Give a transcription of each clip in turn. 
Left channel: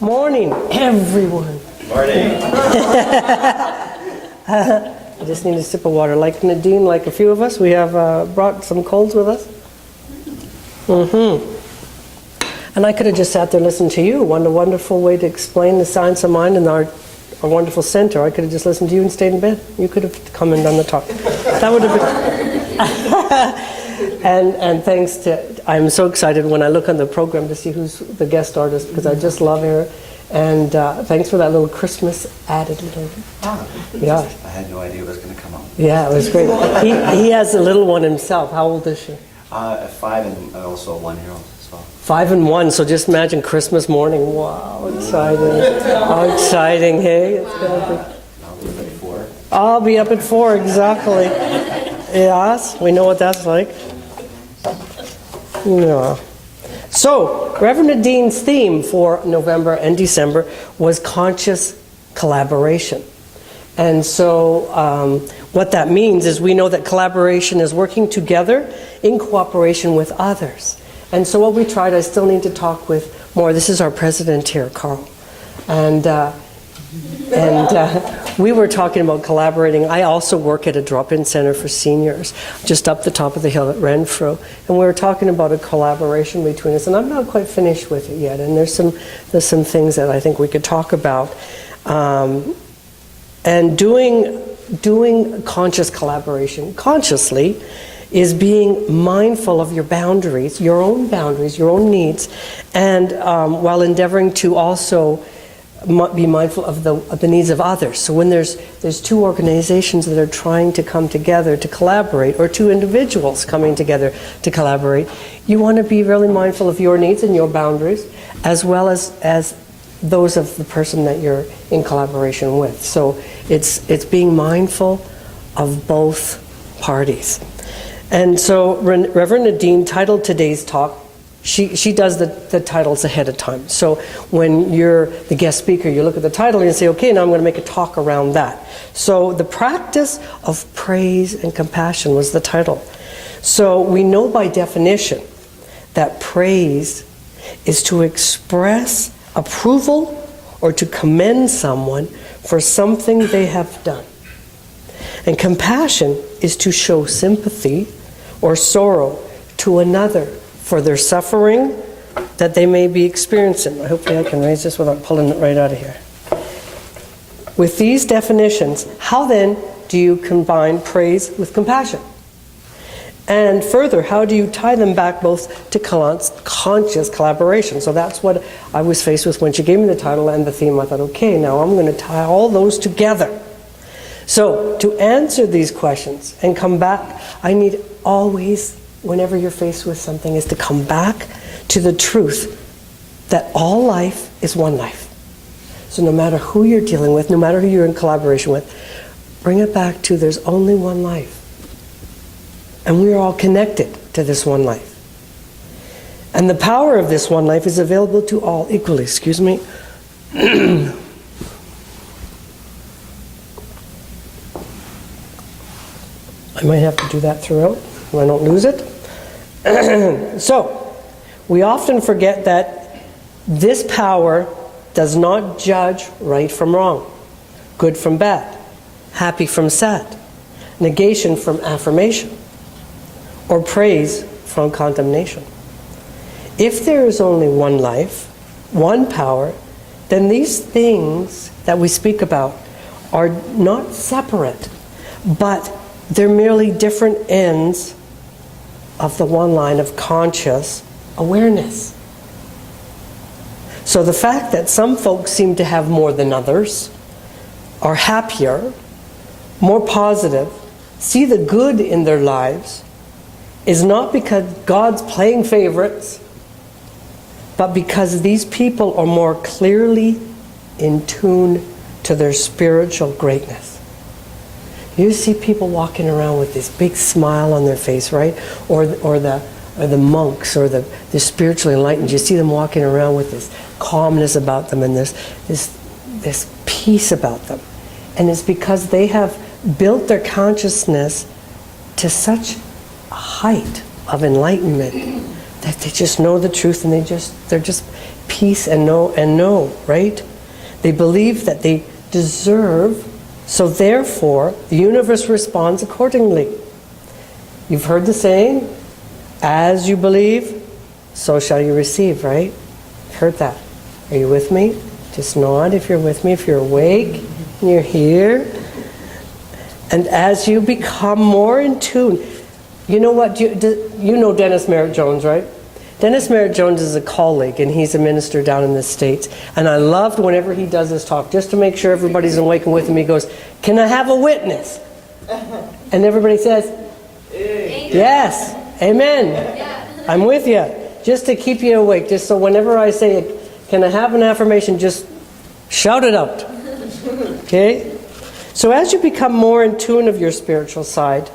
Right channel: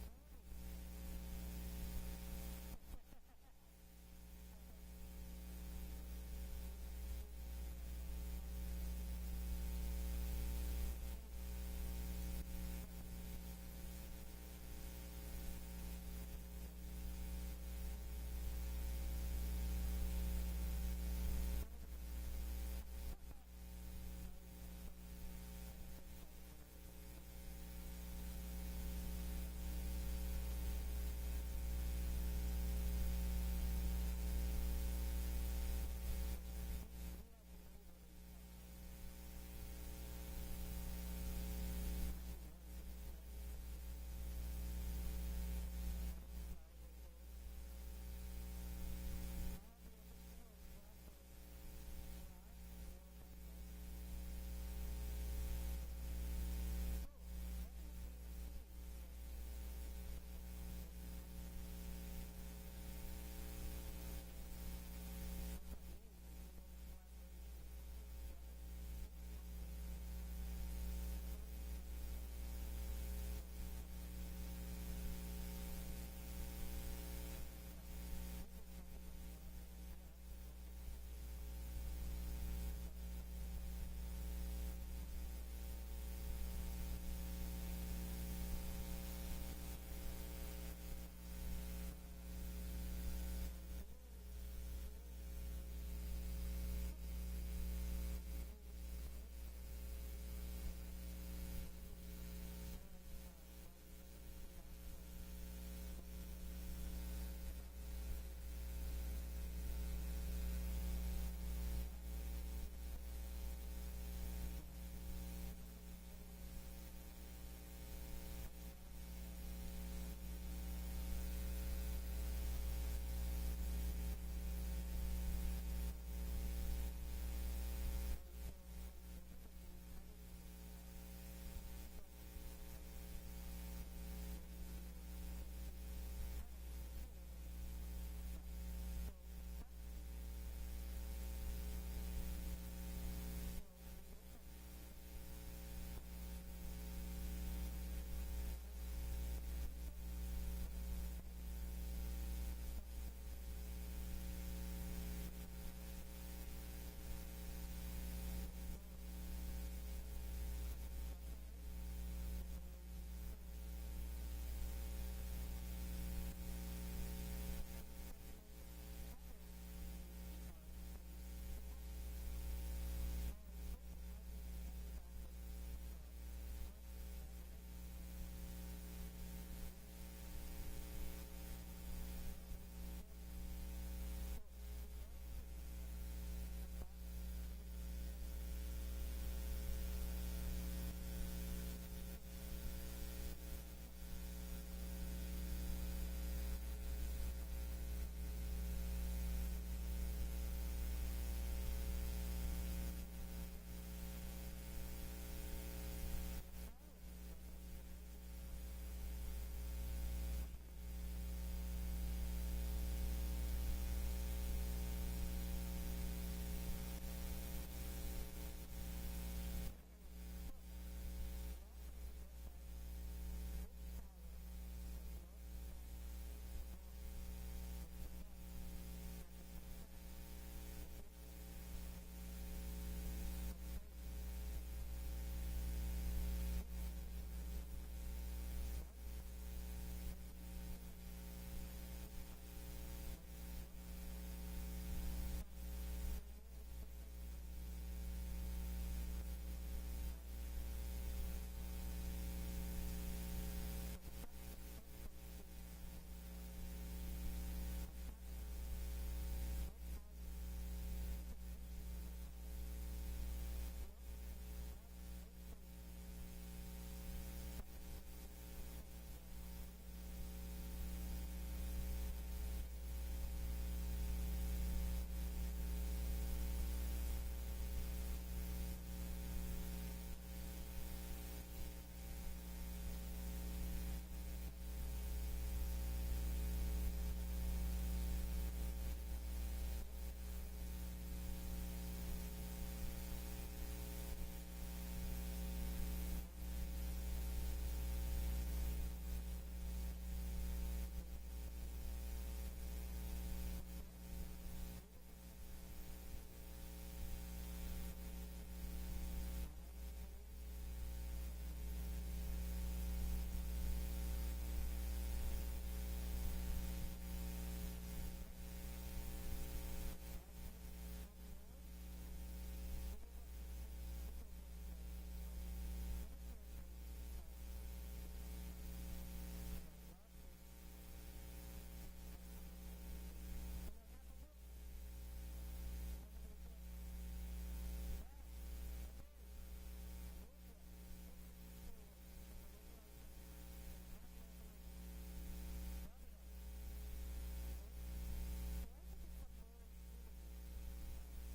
Morning, everyone. Morning. I just need a sip of water. Like Nadine, like a few of us, we have brought some colds with us. And I could have just sat there and listened to you. What a wonderful way to explain the science of mind and our wonderful center. I could have just listened to you and stayed in bed. You could have come and done the talk. That would have been... and thanks to... I'm so excited when I look on the program to see who's the guest artist, because I just love her. And thanks for that little Christmas added little... Yeah. I had no idea it was going to come up. Yeah, it was great. He has a little one himself. How old is she? 5 and also a 1-year-old as well. 5 and 1, so just imagine Christmas morning. Wow, exciting. How exciting, hey? It's gonna be... I'll be up at 4. I'll be up at 4, exactly. Yes, we know what that's like. Yeah. So, Reverend Nadine's theme for November and December was conscious collaboration. And so what that means is we know that collaboration is working together in cooperation with others. And so what we tried, I still need to talk with more. This is our president here, Carl. And we were talking about collaborating. I also work at a drop-in center for seniors, just up the top of the hill at Renfrew. And we were talking about a collaboration between us. And I'm not quite finished with it yet. And there's some things that I think we could talk about. And doing conscious collaboration consciously is being mindful of your boundaries, your own needs, and while endeavoring to also be mindful of the needs of others. So when there's two organizations that are trying to come together to collaborate, or two individuals coming together to collaborate, you want to be really mindful of your needs and your boundaries, as well as those of the person that you're in collaboration with. So it's being mindful of both parties. And so Reverend Nadine titled today's talk, she does the titles ahead of time. So when you're the guest speaker, you look at the title and you say, okay, now I'm going to make a talk around that. So the practice of praise and compassion was the title. So we know by definition that praise is to express approval or to commend someone for something they have done. And compassion is to show sympathy or sorrow to another for their suffering that they may be experiencing. Hopefully I can raise this without pulling it right out of here. With these definitions, how then do you combine praise with compassion? And further, how do you tie them back both to conscious collaboration? So that's what I was faced with when she gave me the title and the theme. I thought, okay, now I'm going to tie all those together. So to answer these questions and come back, I need always, whenever you're faced with something, is to come back to the truth that all life is one life. So no matter who you're dealing with, no matter who you're in collaboration with, bring it back to there's only one life. And we are all connected to this one life. And the power of this one life is available to all equally. Excuse me. I might have to do that throughout so I don't lose it. So, we often forget that this power does not judge right from wrong, good from bad, happy from sad, negation from affirmation, or praise from condemnation. If there is only one life, one power, then these things that we speak about are not separate, but they're merely different ends of the one line of conscious awareness. So the fact that some folks seem to have more than others, are happier, more positive, see the good in their lives, is not because God's playing favorites, but because these people are more clearly in tune to their spiritual greatness. You see people walking around with this big smile on their face, right? Or the monks or the spiritually enlightened. You see them walking around with this calmness about them and this peace about them. And it's because they have built their consciousness to such a height of enlightenment that they just know the truth, and they're just peace and know, right? They believe that they deserve, so therefore the universe responds accordingly. You've heard the saying, as you believe, so shall you receive, right? Heard that. Are you with me? Just nod if you're with me, if you're awake and you're here. And as you become more in tune, you know what? You know Dennis Merritt Jones, right? Dennis Merritt Jones is a colleague, and he's a minister down in the States. And I loved whenever he does this talk, just to make sure everybody's awake and with him, he goes, "Can I have a witness?" And everybody says, "Yes, amen. I'm with you." Just to keep you awake, just so whenever I say, "Can I have an affirmation?" just shout it out. Okay? So as you become more in tune of your spiritual side,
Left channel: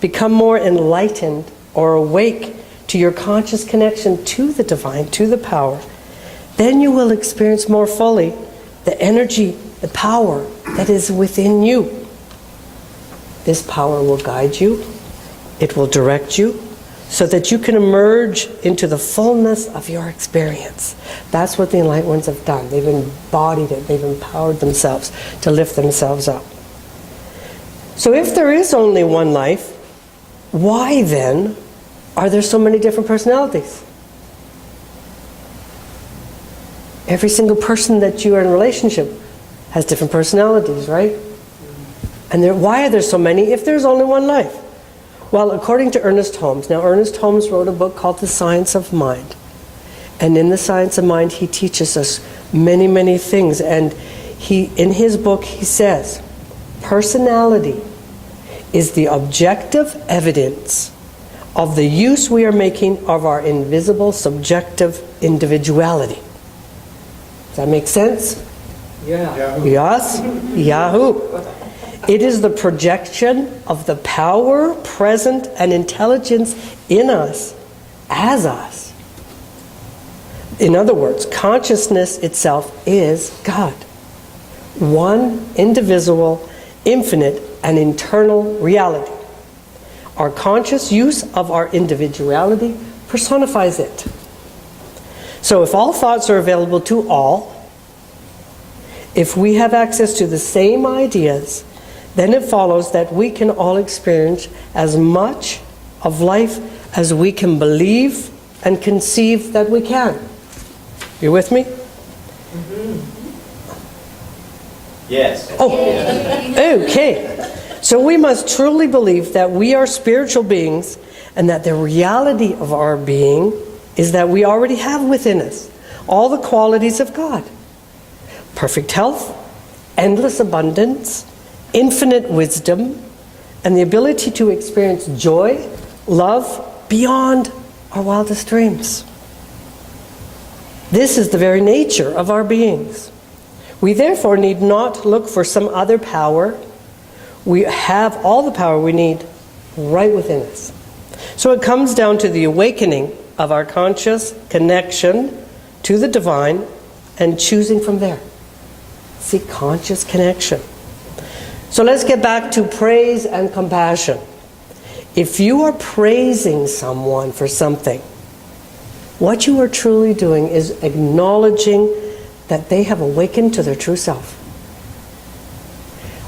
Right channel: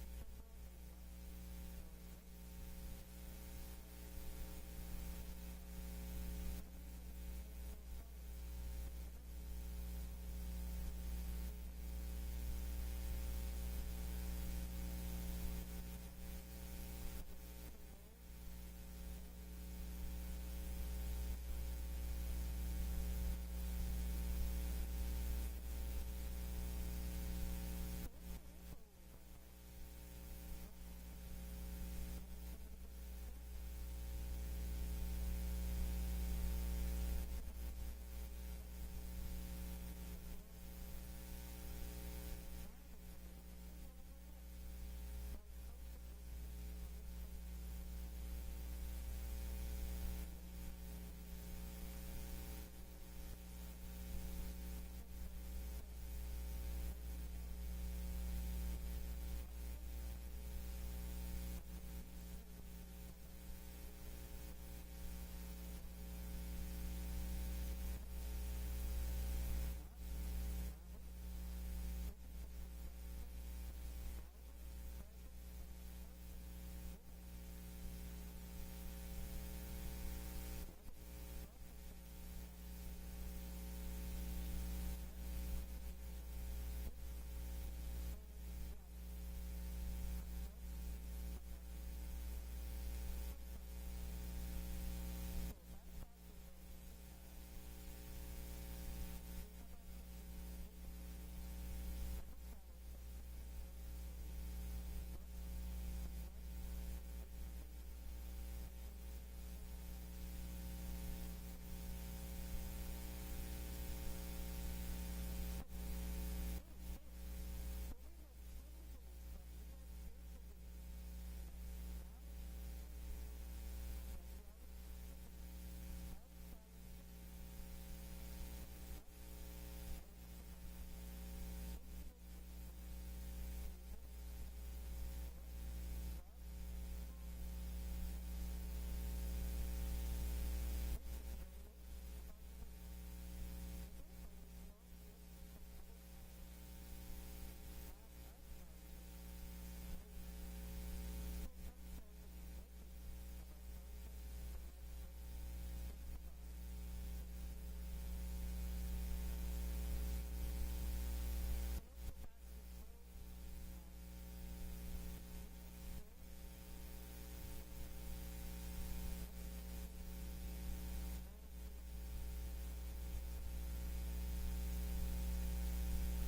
become more enlightened or awake to your conscious connection to the divine, to the power, then you will experience more fully the energy, the power that is within you. This power will guide you, it will direct you, so that you can emerge into the fullness of your experience. That's what the Enlightened Ones have done. They've embodied it, they've empowered themselves to lift themselves up. So if there is only one life, why then are there so many different personalities? Every single person that you are in a relationship has different personalities, right? And why are there so many if there's only one life? Well, according to Ernest Holmes, now Ernest Holmes wrote a book called The Science of Mind. And in The Science of Mind, he teaches us many, many things. And in his book, he says, personality is the objective evidence of the use we are making of our invisible subjective individuality. Does that make sense? Yeah. Yes? Yahoo! It is the projection of the power, present, and intelligence in us, as us. In other words, consciousness itself is God. One, indivisible, infinite, and eternal reality. Our conscious use of our individuality personifies it. So if all thoughts are available to all, if we have access to the same ideas, then it follows that we can all experience as much of life as we can believe and conceive that we can. You with me? Yes. Oh, okay. So we must truly believe that we are spiritual beings and that the reality of our being is that we already have within us all the qualities of God. Perfect health, endless abundance, infinite wisdom, and the ability to experience joy, love beyond our wildest dreams. This is the very nature of our beings. We therefore need not look for some other power. We have all the power we need right within us. So it comes down to the awakening of our conscious connection to the divine and choosing from there. See, conscious connection. So let's get back to praise and compassion. If you are praising someone for something, what you are truly doing is acknowledging that they have awakened to their true self.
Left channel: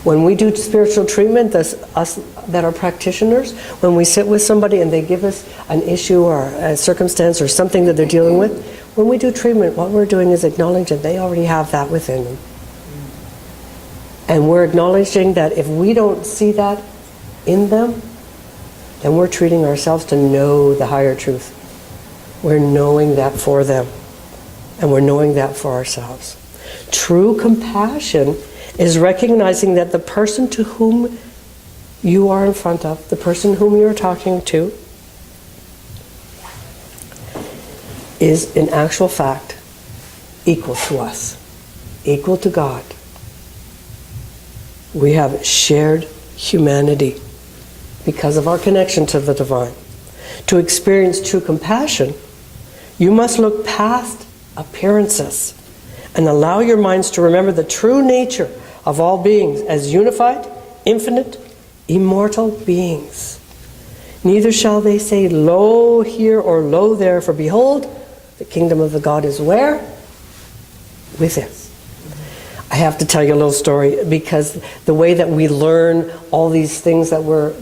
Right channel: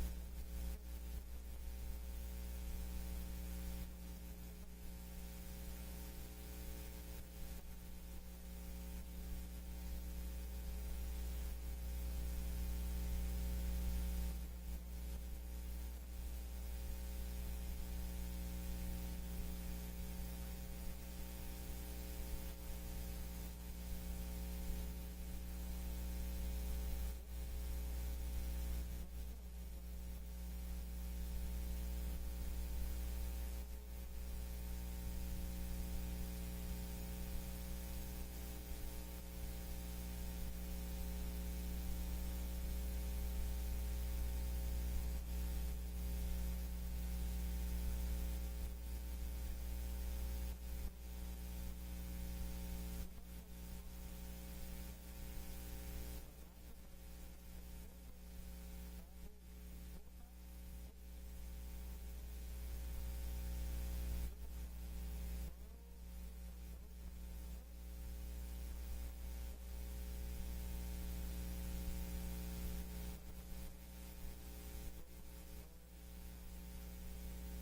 When we do spiritual treatment, us that are practitioners, when we sit with somebody and they give us an issue or a circumstance or something that they're dealing with, when we do treatment, what we're doing is acknowledging that they already have that within them. And we're acknowledging that if we don't see that in them, then we're treating ourselves to know the higher truth. We're knowing that for them. And we're knowing that for ourselves. True compassion is recognizing that the person to whom you are in front of, the person whom you're talking to, is in actual fact equal to us, equal to God. We have shared humanity because of our connection to the divine. To experience true compassion, you must look past appearances and allow your minds to remember the true nature of all beings as unified, infinite, immortal beings. Neither shall they say, lo here or lo there, for behold, the kingdom of the God is where? with it. I have to tell you a little story, because the way that we learn all these things that we're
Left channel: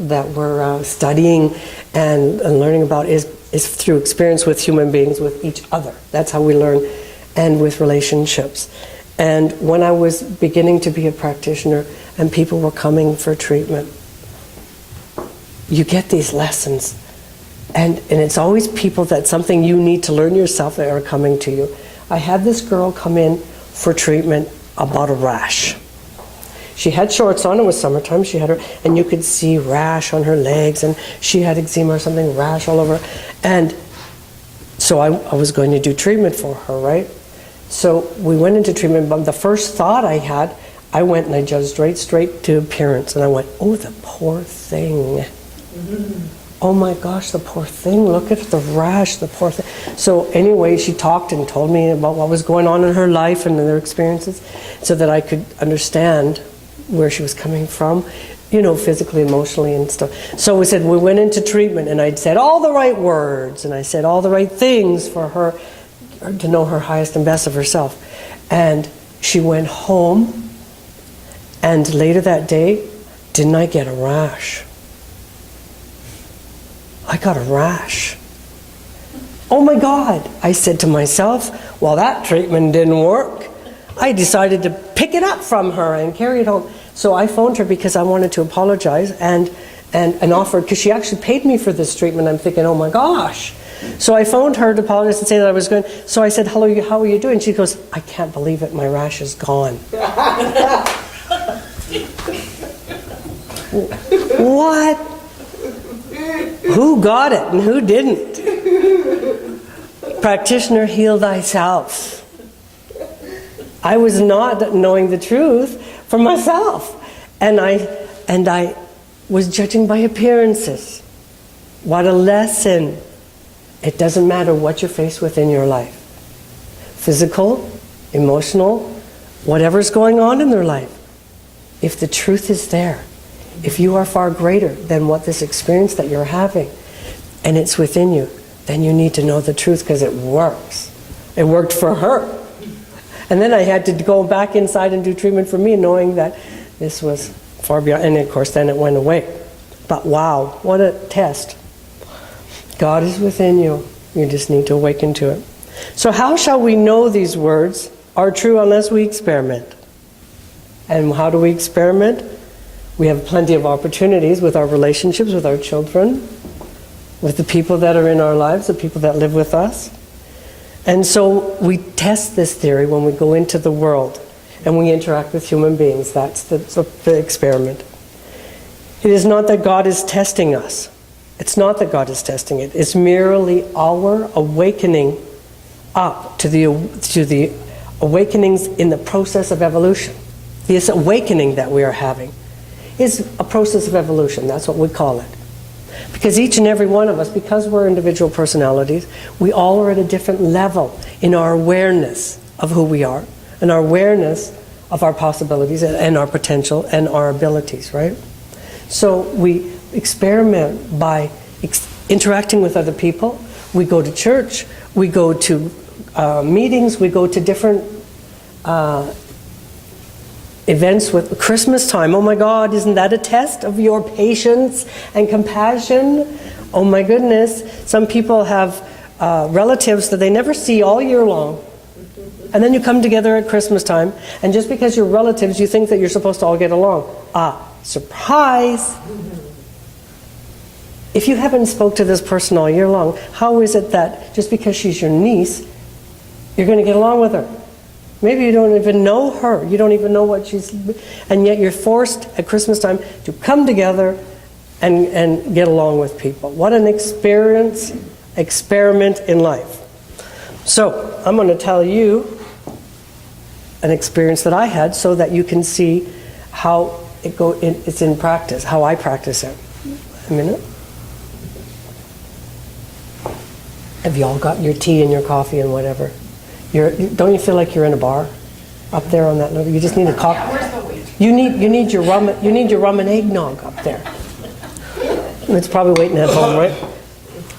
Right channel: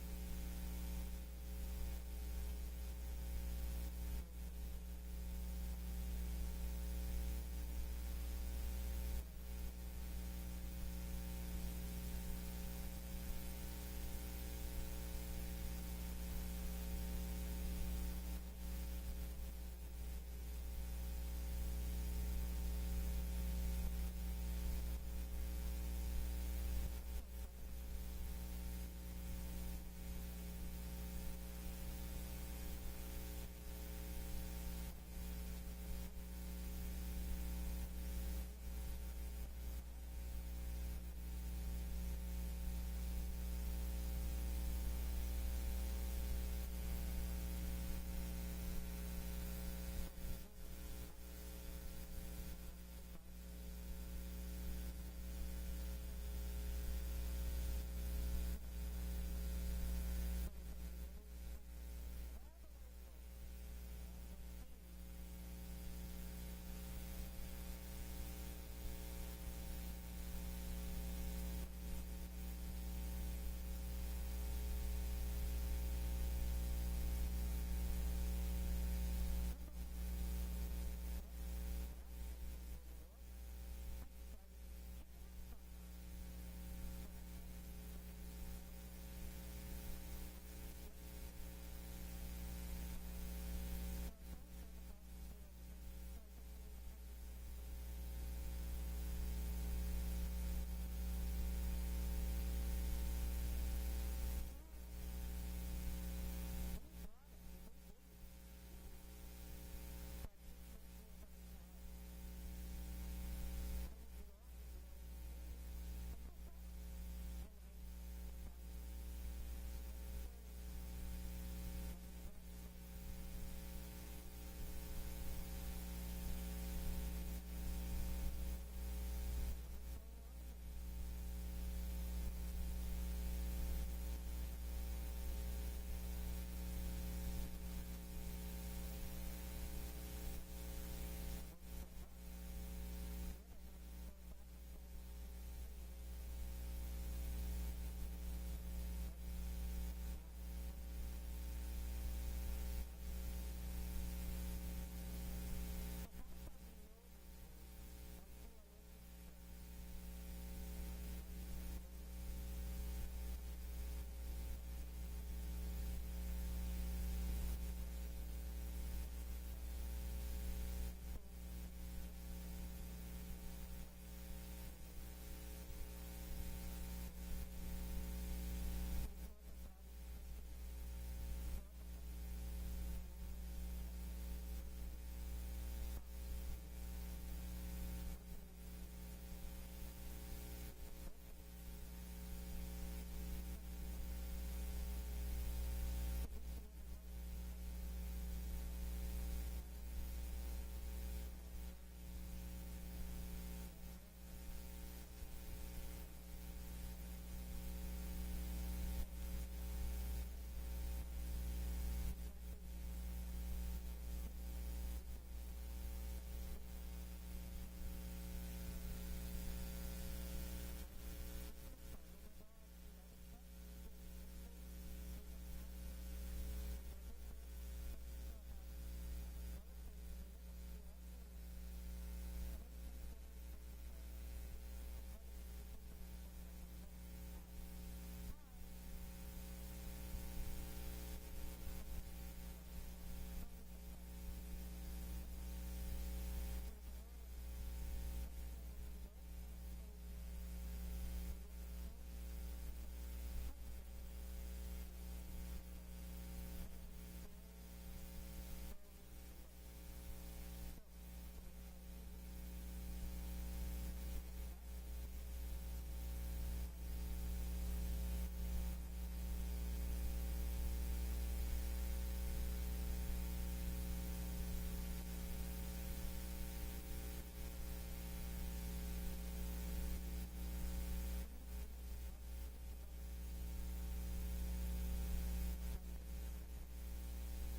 studying and learning about is through experience with human beings, with each other. That's how we learn, and with relationships. And when I was beginning to be a practitioner and people were coming for treatment, you get these lessons. And it's always people that something you need to learn yourself that are coming to you. I had this girl come in for treatment about a rash. She had shorts on, it was summertime, and you could see rash on her legs, and she had eczema or something, rash all over. And so I was going to do treatment for her, right? So we went into treatment, but the first thought I had, I went and I judged right straight to appearance, and I went, oh, the poor thing. Oh my gosh, the poor thing, look at the rash, the poor thing. So anyway, she talked and told me about what was going on in her life and their experiences, so that I could understand where she was coming from, you know, physically, emotionally and stuff. So we went into treatment, and I'd said all the right words, and I said all the right things for her to know her highest and best of herself. And she went home, and later that day, didn't I get a rash? I got a rash. Oh my God, I said to myself, well, that treatment didn't work. I decided to pick it up from her and carry it home. So I phoned her because I wanted to apologize and offered, because she actually paid me for this treatment. I'm thinking, oh my gosh. So I phoned her to apologize and say that I was going. So I said, hello, how are you doing? She goes, I can't believe it, my rash is gone. What? Who got it and who didn't? Practitioner, heal thyself. I was not knowing the truth for myself. And I was judging by appearances. What a lesson. It doesn't matter what you're faced with in your life. Physical, emotional, whatever's going on in their life. If the truth is there, if you are far greater than what this experience that you're having, and it's within you, then you need to know the truth, because it works. It worked for her. And then I had to go back inside and do treatment for me, knowing that this was far beyond, and of course then it went away. But wow, what a test. God is within you. You just need to awaken to it. So how shall we know these words are true unless we experiment? And how do we experiment? We have plenty of opportunities with our relationships, with our children, with the people that are in our lives, the people that live with us. And so we test this theory when we go into the world and we interact with human beings. That's the experiment. It is not that God is testing us. It's not that God is testing it. It's merely our awakening up to the awakenings in the process of evolution. This awakening that we are having is a process of evolution. That's what we call it. Because each and every one of us, because we're individual personalities, we all are at a different level in our awareness of who we are, and our awareness of our possibilities and our potential and our abilities, right? So we experiment by interacting with other people. We go to church, we go to meetings, we go to different events with Christmas time. Oh my God, isn't that a test of your patience and compassion? Oh my goodness. Some people have relatives that they never see all year long. And then you come together at Christmas time, and just because you're relatives, you think that you're supposed to all get along. Surprise! If you haven't spoke to this person all year long, how is it that just because she's your niece, you're going to get along with her? Maybe you don't even know her. You don't even know what she's... And yet you're forced at Christmas time to come together and get along with people. What an experiment in life. So, I'm going to tell you an experience that I had so that you can see how it's in practice, how I practice it. A minute. Have you all got your tea and your coffee and whatever? Don't you feel like you're in a bar up there on that level? You just need a coffee. You need your rum. You need your rum and eggnog up there. It's probably waiting at home, right?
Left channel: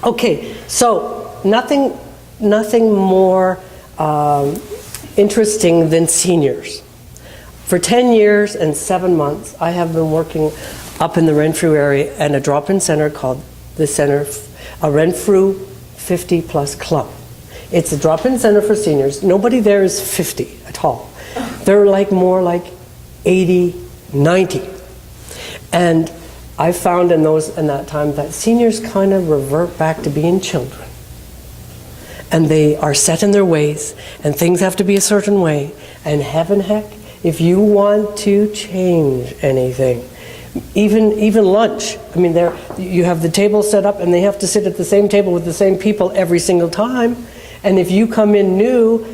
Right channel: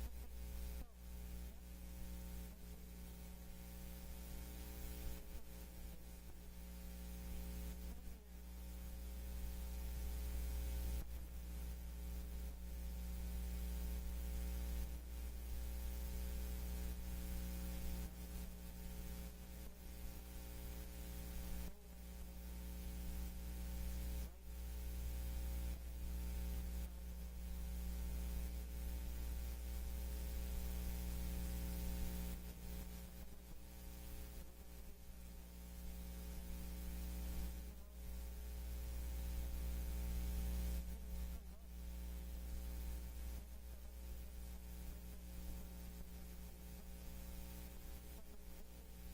Okay, so nothing more interesting than seniors. For 10 years and 7 months, I have been working up in the Renfrew area at a drop-in center called the Center, a Renfrew 50 Plus Club. It's a drop-in center for seniors. Nobody there is 50 at all. They're like more like 80, 90. And I found in that time that seniors kind of revert back to being children. And they are set in their ways, and things have to be a certain way. And heaven heck, if you want to change anything, even lunch. I mean, you have the table set up, and they have to sit at the same table with the same people every single time. And if you come in new,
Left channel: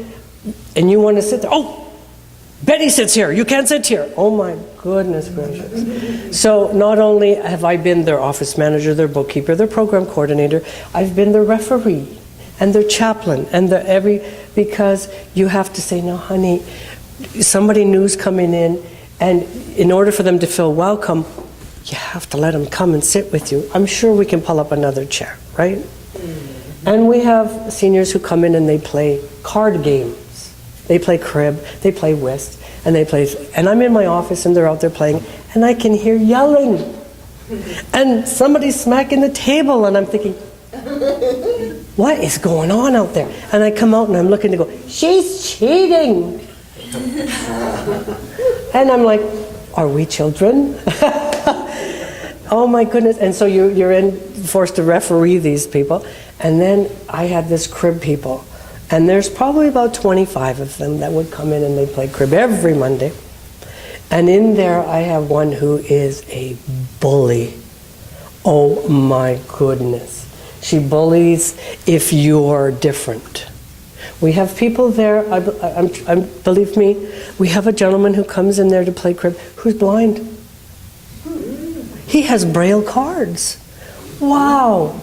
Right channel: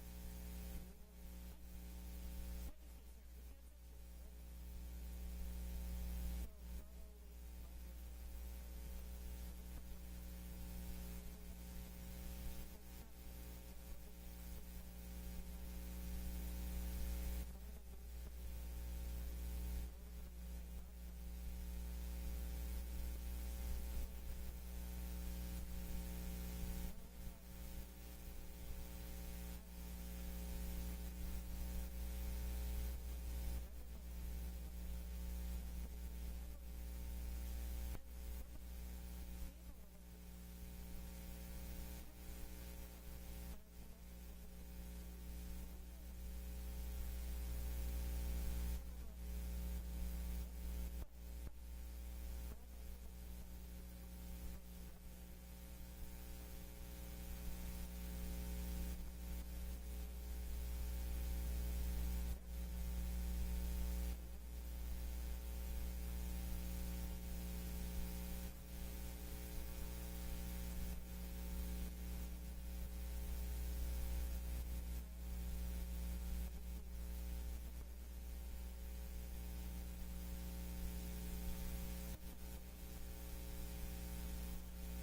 and you want to sit there, oh, Betty sits here, you can't sit here. Oh my goodness gracious. So not only have I been their office manager, their bookkeeper, their program coordinator, I've been their referee and their chaplain and because you have to say, no honey, somebody new's coming in, and in order for them to feel welcome, you have to let them come and sit with you. I'm sure we can pull up another chair, right? And we have seniors who come in and they play card games. They play crib, they play whist, and I'm in my office and they're out there playing, and I can hear yelling. And somebody's smacking the table, and I'm thinking, what is going on out there? And I come out and I'm looking to go, she's cheating. And I'm like, are we children? Oh my goodness. And so you're forced to referee these people. And then I had this crib people. And there's probably about 25 of them that would come in and they play crib every Monday. And in there I have one who is a bully. Oh my goodness. She bullies if you're different. We have people there, believe me, we have a gentleman who comes in there to play crib who's blind. He has Braille cards. Wow.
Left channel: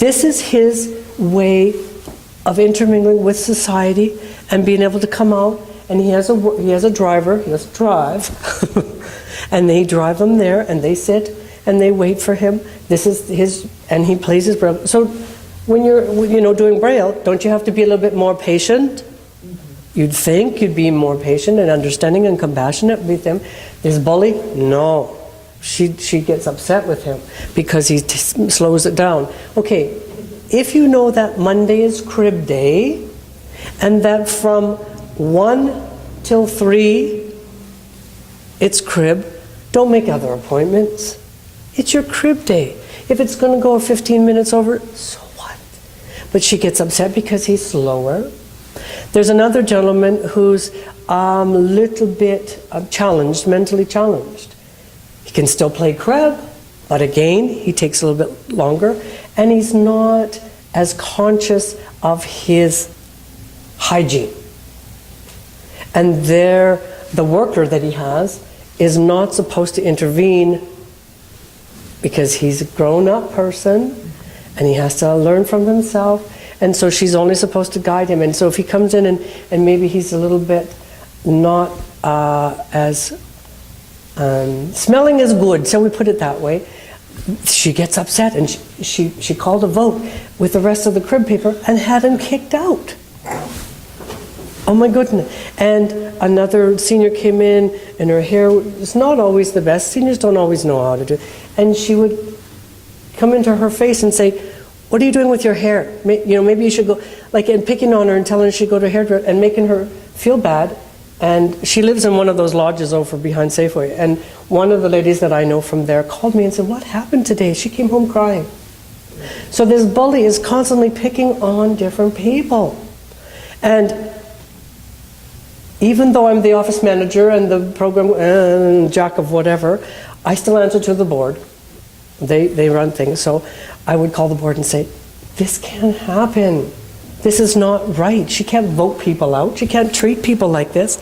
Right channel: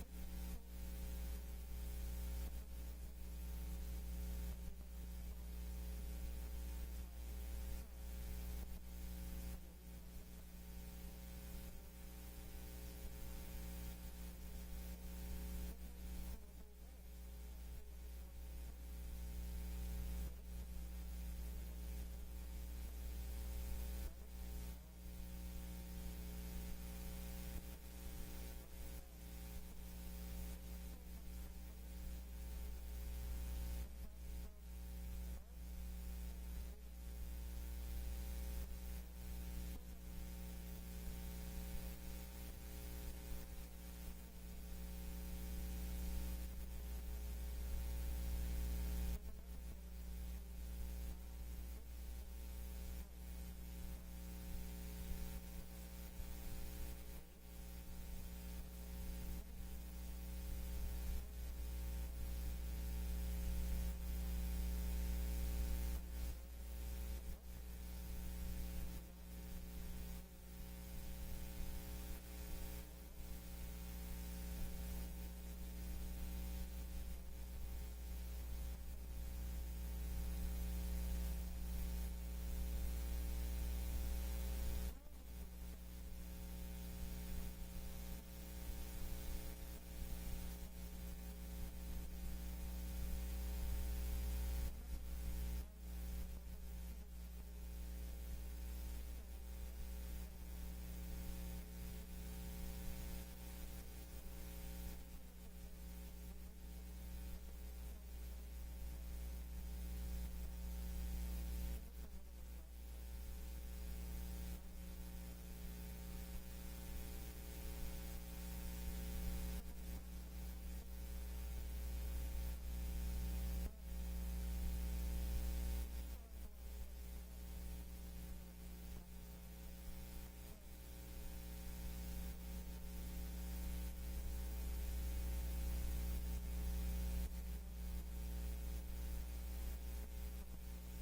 This is his way of intermingling with society and being able to come out, and he has a driver, he has to drive, and they drive him there, and they sit and they wait for him. This is his, and he plays his Braille. So when you're doing Braille, don't you have to be a little bit more patient? You'd think you'd be more patient and understanding and compassionate with him. This bully, no. She gets upset with him because he slows it down. Okay, if you know that Monday is crib day, and that from 1 till 3 it's crib, don't make other appointments. It's your crib day. If it's going to go 15 minutes over, so what? But she gets upset because he's slower. There's another gentleman who's a little bit challenged, mentally challenged. He can still play crib, but again, he takes a little bit longer, and he's not as conscious of his hygiene. And the worker that he has is not supposed to intervene because he's a grown-up person and he has to learn from himself, and so she's only supposed to guide him. And so if he comes in and maybe he's a little bit not as smelling as good, so we put it that way, she gets upset, and she called a vote with the rest of the crib people and had him kicked out. Oh my goodness. And another senior came in, and her hair was not always the best. Seniors don't always know how to do it. And she would come into her face and say, what are you doing with your hair? Maybe you should go, and picking on her and telling her she should go to a hairdresser and making her feel bad. And she lives in one of those lodges over behind Safeway. And one of the ladies that I know from there called me and said, what happened today? She came home crying. So this bully is constantly picking on different people. And even though I'm the office manager and the program and jack of whatever, I still answer to the board. They run things. So I would call the board and say, this can't happen. This is not right. She can't vote people out. She can't treat people like this.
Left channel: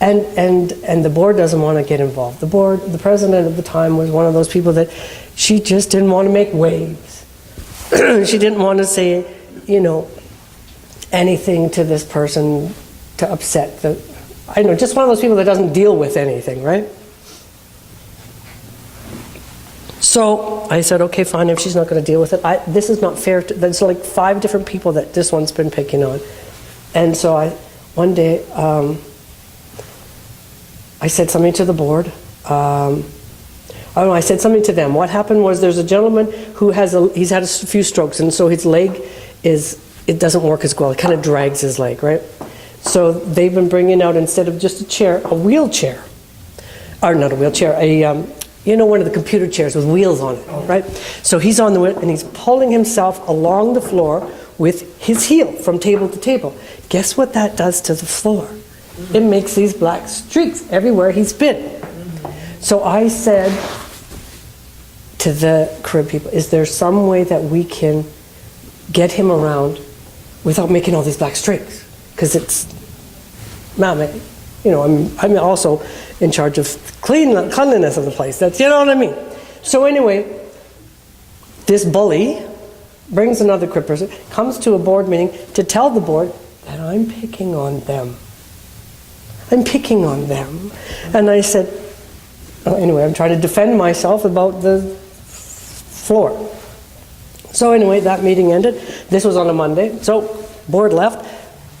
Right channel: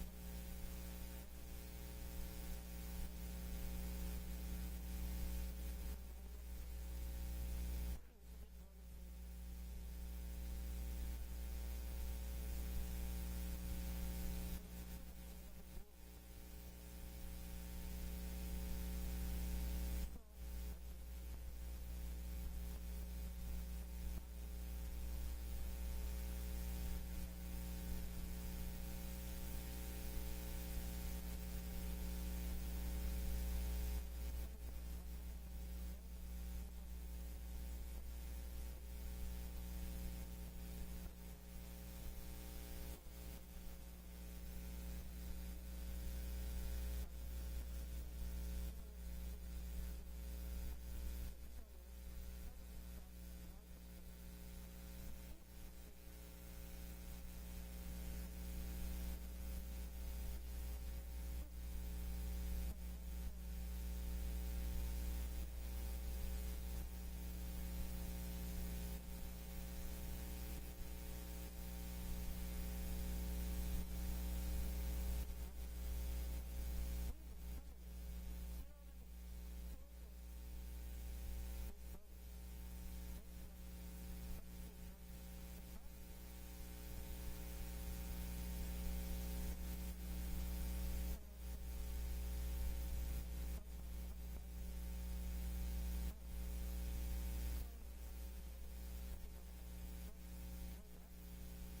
And the board doesn't want to get involved. The president at the time was one of those people that she just didn't want to make waves. She didn't want to say, anything to this person to upset just one of those people that doesn't deal with anything, right? So I said, okay, fine, if she's not going to deal with it, this is not fair. There's like 5 different people that this one's been picking on. And so one day, I said something to the board. Oh no, I said something to them. What happened was there's a gentleman who he's had a few strokes, and so his leg it doesn't work as well. It kind of drags his leg, right? So they've been bringing out, instead of just a chair, a wheelchair. Or not a wheelchair, one of the computer chairs with wheels on it, right? So he's on the wheel, and he's pulling himself along the floor with his heel from table to table. Guess what that does to the floor? It makes these black streaks everywhere he's been. So I said to the Carib people, is there some way that we can get him around without making all these black streaks? Because it's, I'm also in charge of cleanliness of the place. That's, you know what I mean? So anyway, this bully brings another Crip person, comes to a board meeting to tell the board that I'm picking on them. I'm picking on them. And I said, anyway, I'm trying to defend myself about the floor. So anyway, that meeting ended. This was on a Monday. So board left.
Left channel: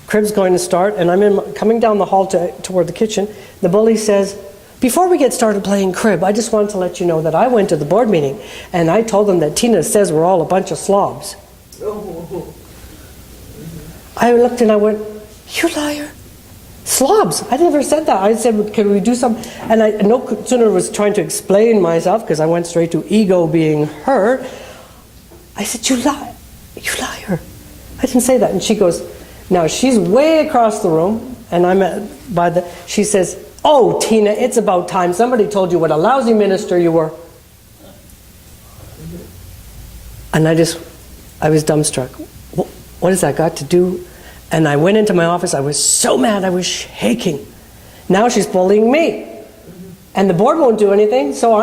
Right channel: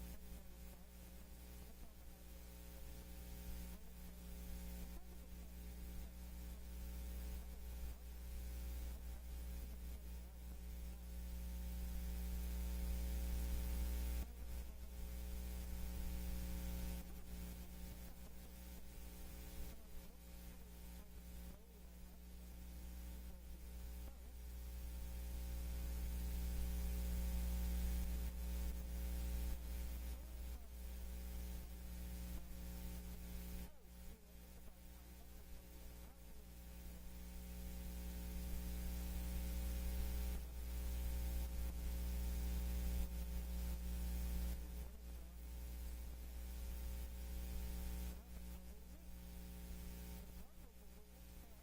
Crib's going to start, and I'm coming down the hall toward the kitchen. The bully says, before we get started playing Crib, I just wanted to let you know that I went to the board meeting, and I told them that Tina says we're all a bunch of slobs. I looked and I went, you liar. Slobs. I never said that. I said, can we do some? And I no sooner was trying to explain myself, because I went straight to ego being hurt. I said, you liar. I didn't say that. And she goes, now she's way across the room, and she says, oh, Tina, it's about time. Somebody told you what a lousy minister you were. And I was dumbstruck. What has that got to do? And I went into my office. I was so mad. I was shaking. Now she's bullying me. And the board won't do anything, so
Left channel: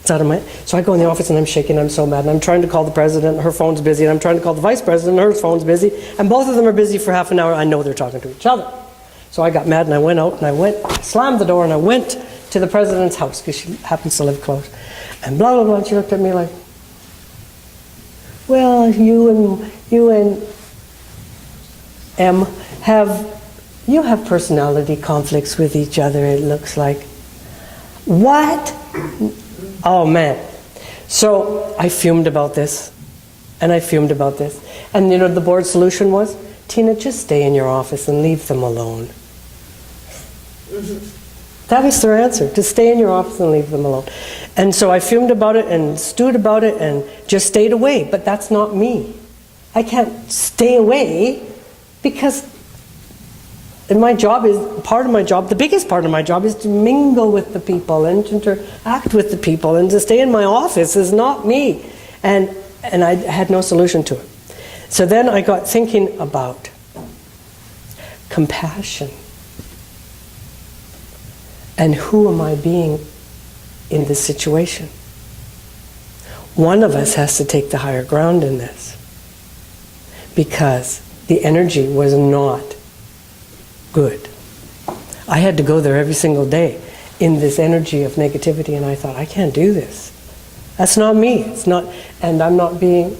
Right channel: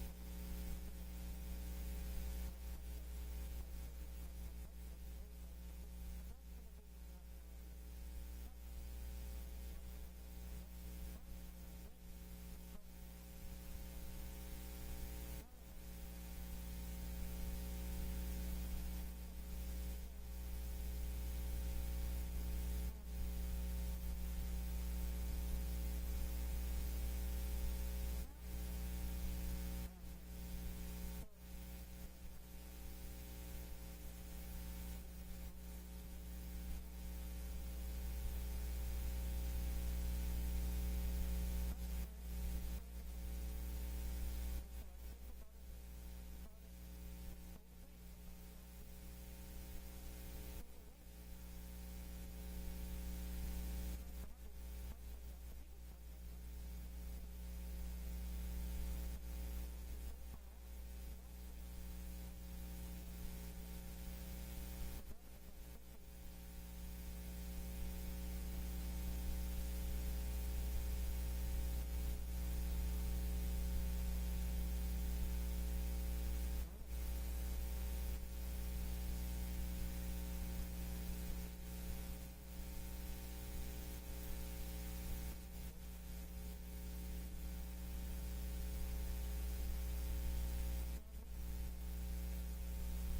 it's out of my... So I go in the office and I'm shaking. I'm so mad. And I'm trying to call the president. Her phone's busy. And I'm trying to call the vice president. Her phone's busy. And both of them are busy for half an hour. I know they're talking to each other. So I got mad and I went out and I slammed the door and I went to the president's house, because she happens to live close. And blah, blah, blah. And she looked at me like, well, you and M have personality conflicts with each other, it looks like. What? Oh man. So I fumed about this, and I fumed about this. And you know the board's solution was, Tina, just stay in your office and leave them alone. That was their answer, to stay in your office and leave them alone. And so I fumed about it and stewed about it and just stayed away. But that's not me. I can't stay away, because my job is, part of my job, the biggest part of my job is to mingle with the people and to interact with the people, and to stay in my office is not me. And I had no solution to it. So then I got thinking about compassion. And who am I being in this situation? One of us has to take the higher ground in this, because the energy was not good. I had to go there every single day in this energy of negativity, and I thought, I can't do this. That's not me. It's not, and I'm not being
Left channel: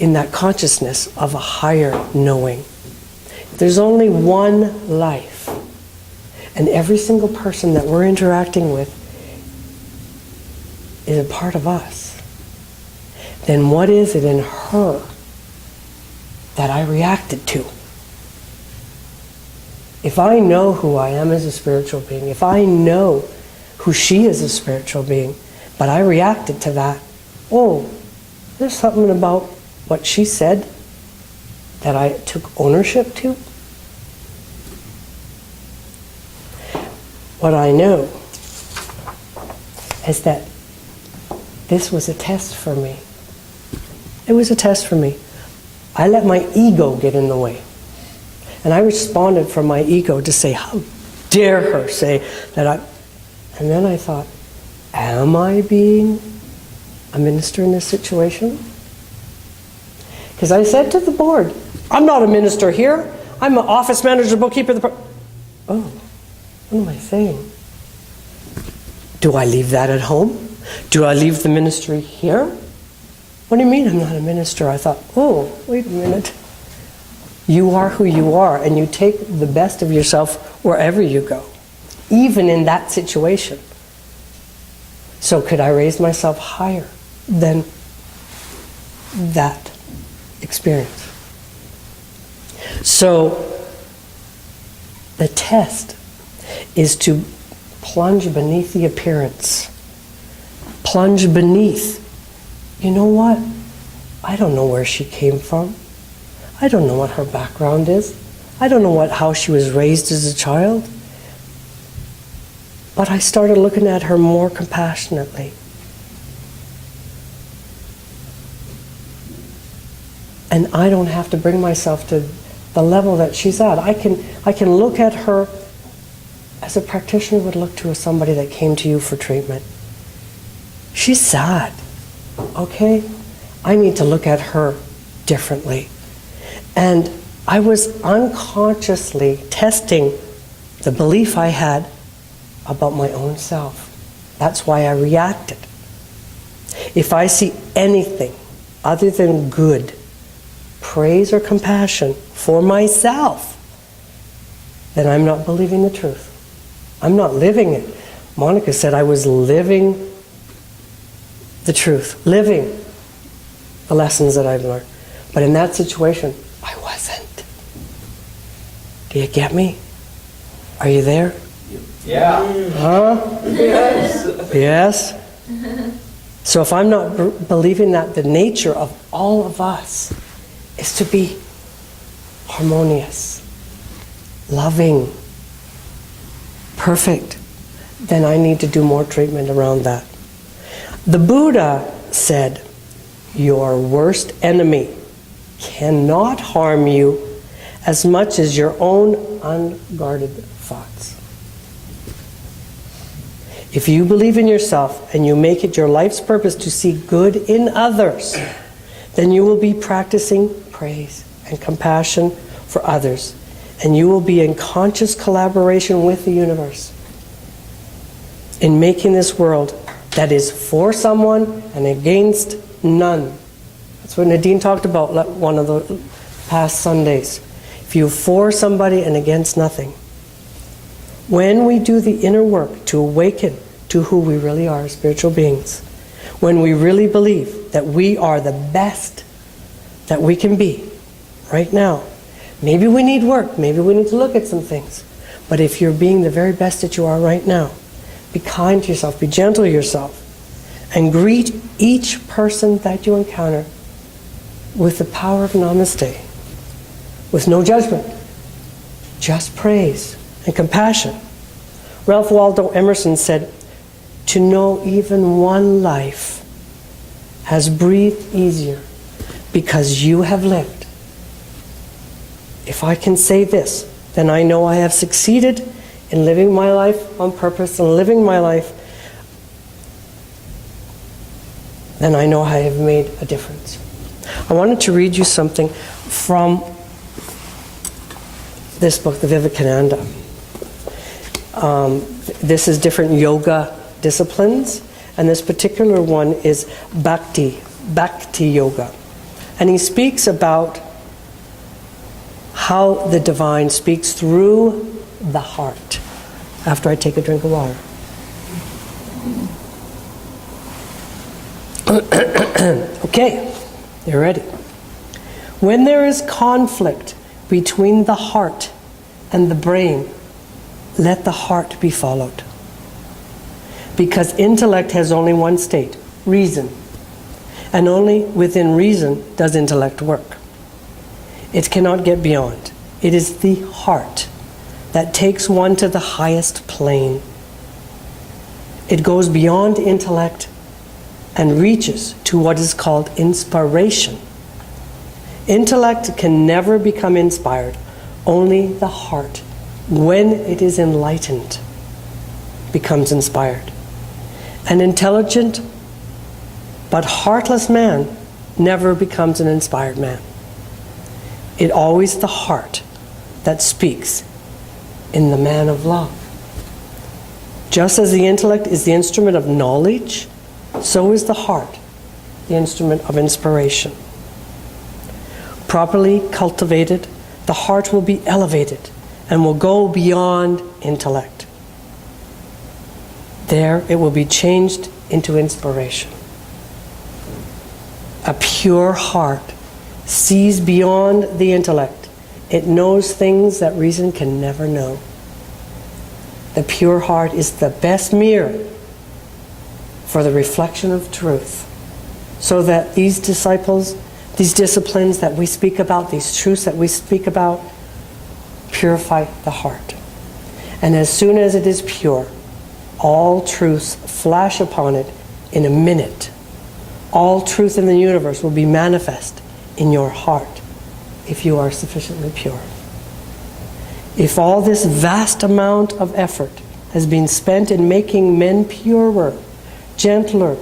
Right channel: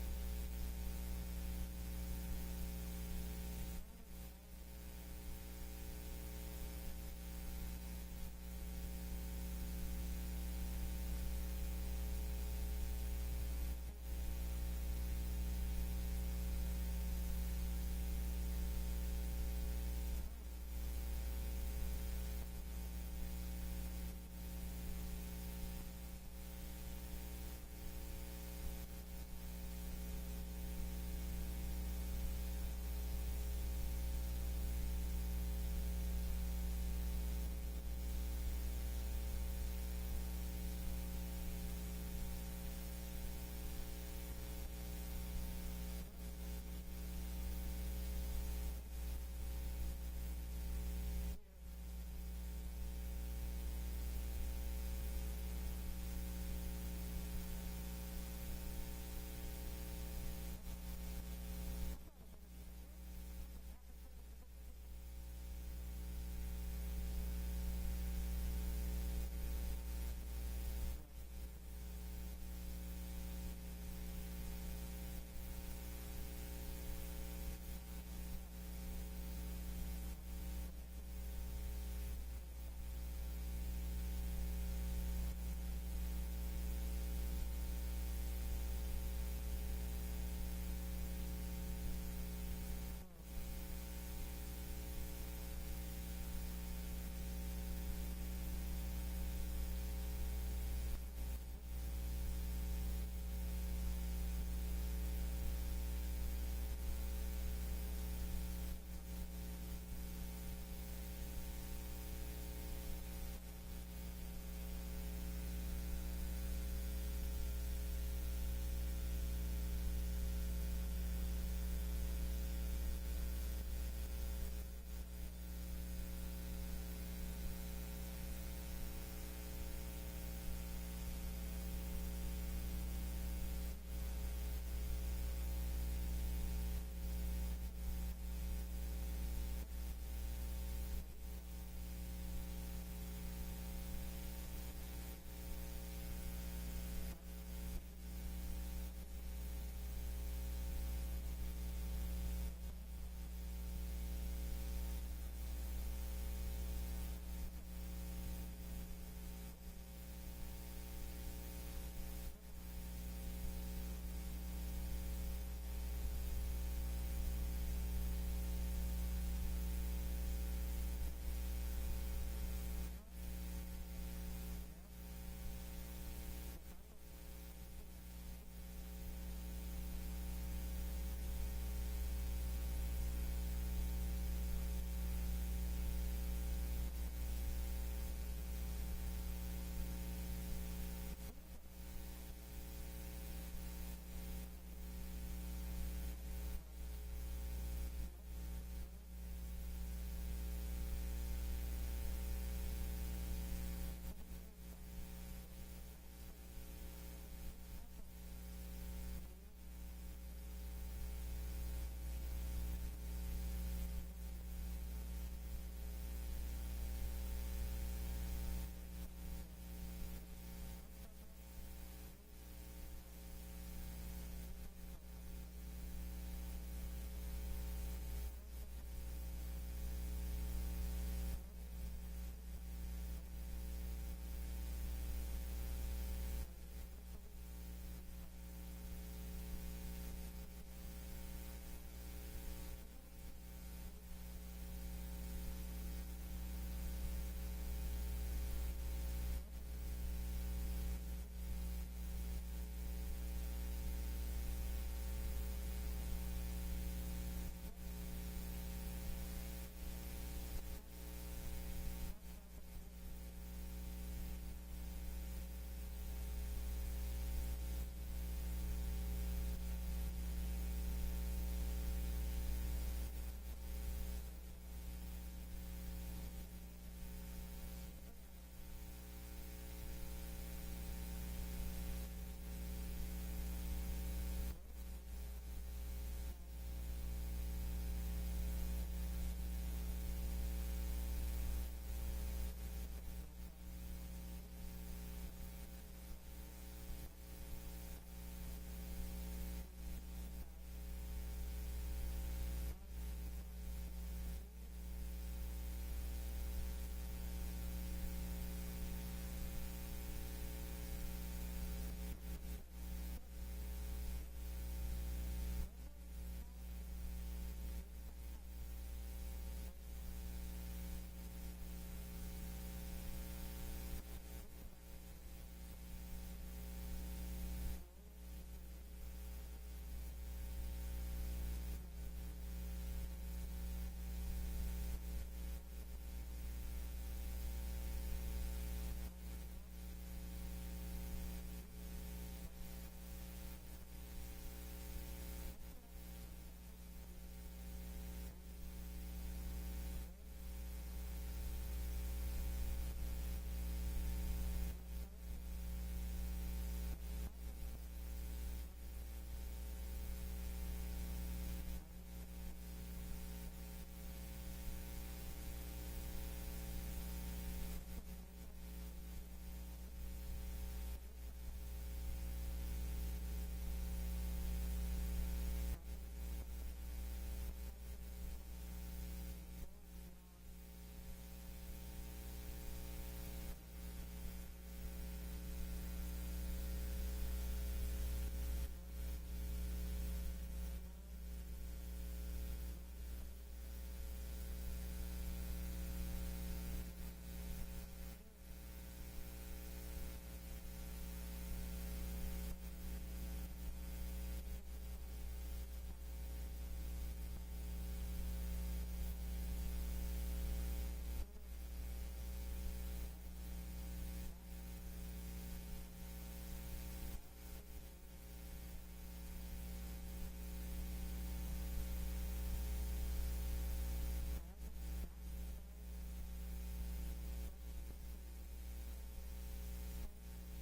in that consciousness of a higher knowing. There's only one life, and every single person that we're interacting with is a part of us. Then what is it in her that I reacted to? If I know who I am as a spiritual being, if I know who she is as a spiritual being, but I reacted to that, oh, there's something about what she said that I took ownership to. What I know is that this was a test for me. It was a test for me. I let my ego get in the way. And I responded from my ego to say, how dare her say that I... And then I thought, am I being a minister in this situation? Because I said to the board, I'm not a minister here. I'm an office manager, bookkeeper. Oh, what am I saying? Do I leave that at home? Do I leave the ministry here? What do you mean I'm not a minister? I thought, oh, wait a minute. You are who you are, and you take the best of yourself wherever you go, even in that situation. So could I raise myself higher than that experience? So the test is to plunge beneath the appearance. Plunge beneath. You know what? I don't know where she came from. I don't know what her background is. I don't know how she was raised as a child. But I started looking at her more compassionately. And I don't have to bring myself to the level that she's at. I can look at her as a practitioner would look to somebody that came to you for treatment. She's sad, okay? I need to look at her differently. And I was unconsciously testing the belief I had about my own self. That's why I reacted. If I see anything other than good, praise or compassion for myself, then I'm not believing the truth. I'm not living it. Monica said I was living the truth, living the lessons that I've learned. But in that situation, I wasn't. Do you get me? Are you there? Yeah. Huh? Yes. Yes? So if I'm not believing that the nature of all of us is to be harmonious, loving, perfect, then I need to do more treatment around that. The Buddha said, your worst enemy cannot harm you as much as your own unguarded thoughts. If you believe in yourself and you make it your life's purpose to see good in others, then you will be practicing praise and compassion for others, and you will be in conscious collaboration with the universe in making this world that is for someone and against none. That's what Nadine talked about one of the past Sundays. If you're for somebody and against nothing. When we do the inner work to awaken to who we really are as spiritual beings, when we really believe that we are the best that we can be right now, maybe we need work, maybe we need to look at some things, but if you're being the very best that you are right now, be kind to yourself, be gentle to yourself, and greet each person that you encounter with the power of namaste, with no judgment, just praise and compassion. Ralph Waldo Emerson said, to know even one life has breathed easier because you have lived. If I can say this, then I know I have succeeded in living my life on purpose and living my life, then I know I have made a difference. I wanted to read you something from this book, the Vivekananda. This is different yoga disciplines, and this particular one is Bhakti Yoga. And he speaks about how the divine speaks through the heart. After I take a drink of water. Okay, you're ready. When there is conflict between the heart and the brain, let the heart be followed. Because intellect has only one state, reason. And only within reason does intellect work. It cannot get beyond. It is the heart that takes one to the highest plane. It goes beyond intellect and reaches to what is called inspiration. Intellect can never become inspired. Only the heart, when it is enlightened, becomes inspired. An intelligent but heartless man never becomes an inspired man. It's always the heart that speaks in the man of love. Just as the intellect is the instrument of knowledge, so is the heart the instrument of inspiration. Properly cultivated, the heart will be elevated and will go beyond intellect. There, it will be changed into inspiration. A pure heart sees beyond the intellect. It knows things that reason can never know. The pure heart is the best mirror for the reflection of truth, so that these disciples, these disciplines that we speak about, these truths that we speak about, purify the heart. And as soon as it is pure, all truths flash upon it in a minute. All truth in the universe will be manifest in your heart if you are sufficiently pure. If all this vast amount of effort has been spent in making men purer, gentler,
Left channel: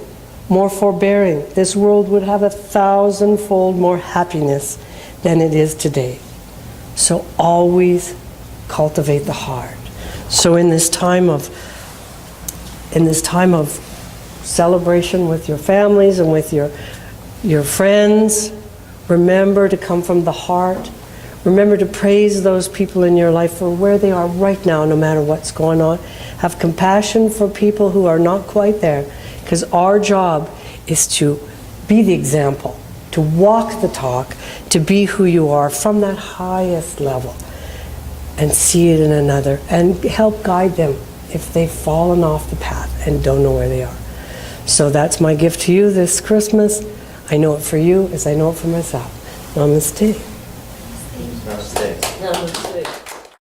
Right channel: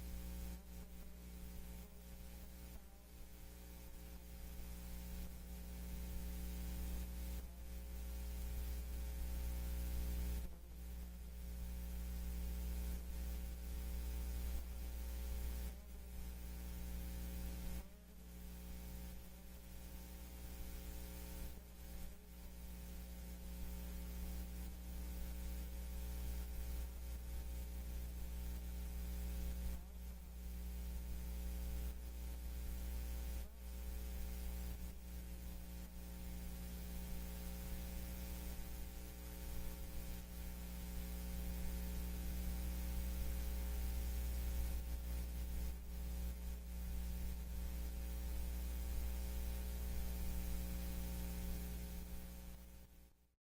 more forbearing, this world would have 1,000-fold more happiness than it is today. So always cultivate the heart. So in this time of celebration with your families and with your friends, remember to come from the heart. Remember to praise those people in your life for where they are right now, no matter what's going on. Have compassion for people who are not quite there, because our job is to be the example, to walk the talk, to be who you are from that highest level, and see it in another, and help guide them if they've fallen off the path and don't know where they are. So that's my gift to you this Christmas. I know it for you as I know it for myself. Namaste.